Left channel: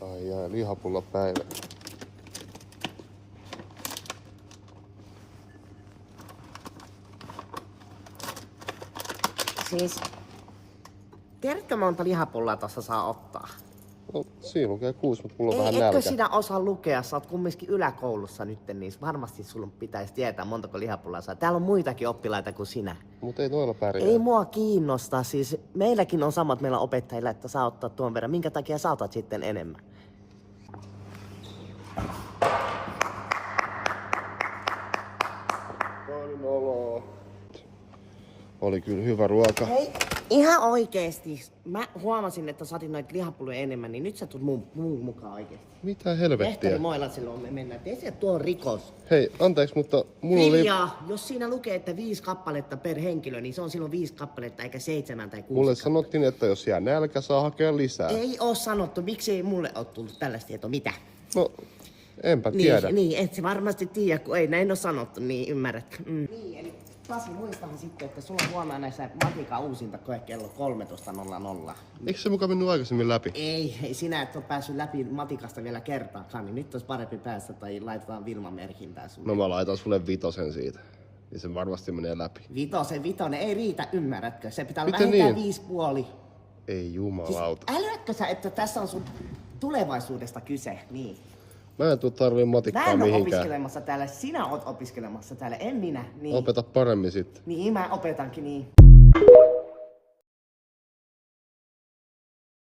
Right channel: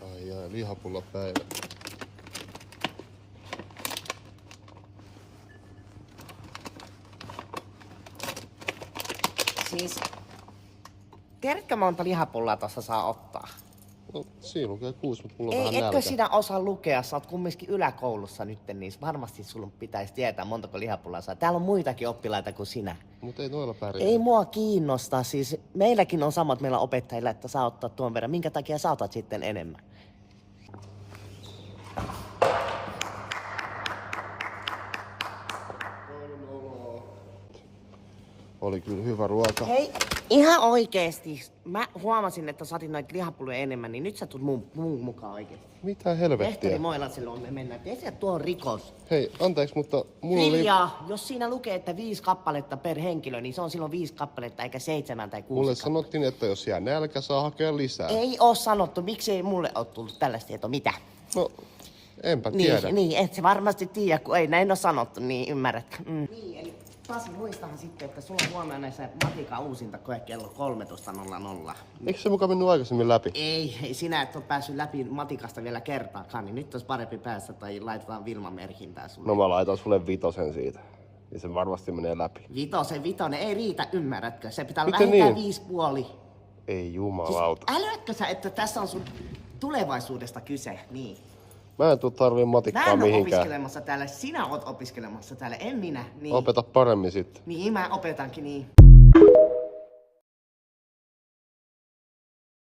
Ai lihapulla päivä. Siis, tiedätkö monta lihapullaa tossa saa ottaa? No, siinä lukee 6, mutta mulla on vähän Etkö nälkä. sinä osaa lukea? Sä oot kumminkin yläkoulussa nyt, niin varmasti sulla pitäisi tietää montako lihapullaa saa. Täällä on muitakin oppilaita kuin sinä. Mut ei noilla pärjää. Ei mua kiinnosta. Siis meilläkin on samat meillä opettajilla, että saa ottaa tuon verran. Minkä takia sä otat sitten enemmän? Oli kyllä hyvä ruoka. Hei, ihan oikeesti. Mä huomasin, että sä otit noita lihapulloja enemmän, niin nyt sä tulet mun mukaan oikeesti. Mitä helvettiä? Lehtori Moilaselle on me mennään. Tiedätkö, että tuo on rikos. Hei, anteeksi, mutta mulla oli... Hiljaa. Jos siinä lukee, että 5 kappaletta per henkilö, niin se on silloin 5 kappaletta eikä 7 tai 6 Mulle kappaletta. sanottiin, että jos jää nälkä, saa hakea lisää. Ei oo sanottu. Miksi ei mulle oo tullut tällaista tietoa? Mitä? No, enpä tiedä. Niin, et se varmasti tiedä, kun ei näin oo sanottu, niin ymmärrätkö? Niin, eli Pasi, muistahan sitten, että sulla on huomenna se matikan uusinta koe kello 13.00. Eikö se mukaan mennyt aikaisemmin läpi? Ei sinä et ole päässyt läpi matikasta vielä kertaakaan, niin nyt olisi parempi päästä tai laitetaan Vilma-merkintää sulle. No mä laitan sulle 5 siitä. Niin se varmasti menee läpi. Vitonen ei riitä, ymmärrätkö? Se pitää olla Miten vähintään niin? 5,5. Ei jumalauta. Siis älyätkö sä, että tässä on sun tulevaisuudesta kyse? Niin. Mä en tuu tarvii Mä matikkaa en ole mihinkään. opiskelemassa täällä, sinä oot opiskelemassa täällä, en minä. Niin, Opeta paremmin sitten. niin mä opetankin niin.